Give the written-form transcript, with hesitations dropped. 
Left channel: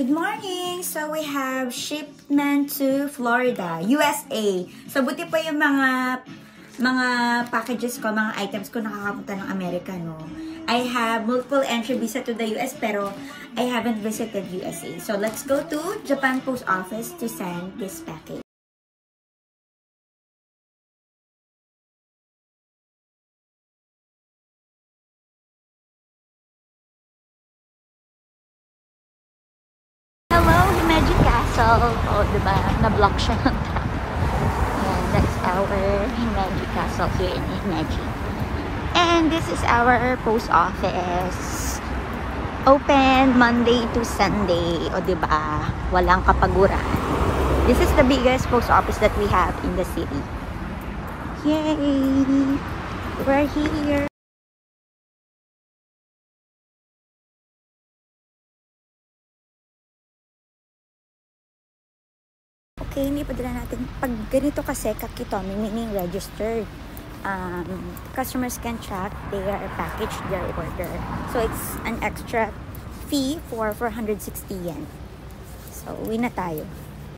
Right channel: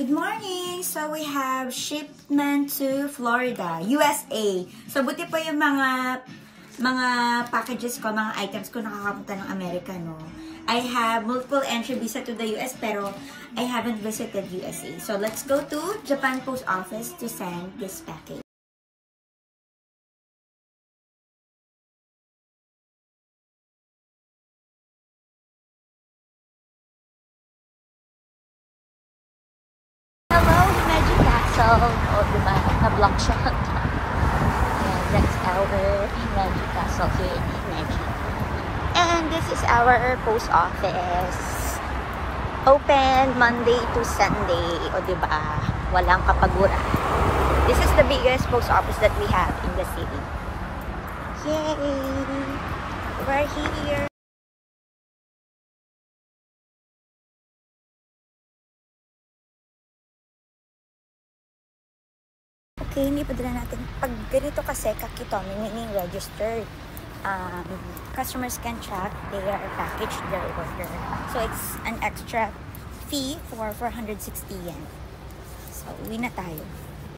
Good morning! So we have shipment to Florida, USA. So buti pa yung mga packages ko, mga items ko nakakapunta ng Amerika, no? I have multiple entry visa to the US pero I haven't visited USA. So let's go to Japan Post Office to send this package. Post office open Monday to Sunday, o diba? Walang kapaguran. This is the biggest post office that we have in the city. Yay! We're here! Okay, hindi pa dala natin. Pag ganito kasi, kakitomi, meaning registered. Customers can track their package, their order. So it's an extra fee for 460 yen. So uwi na tayo.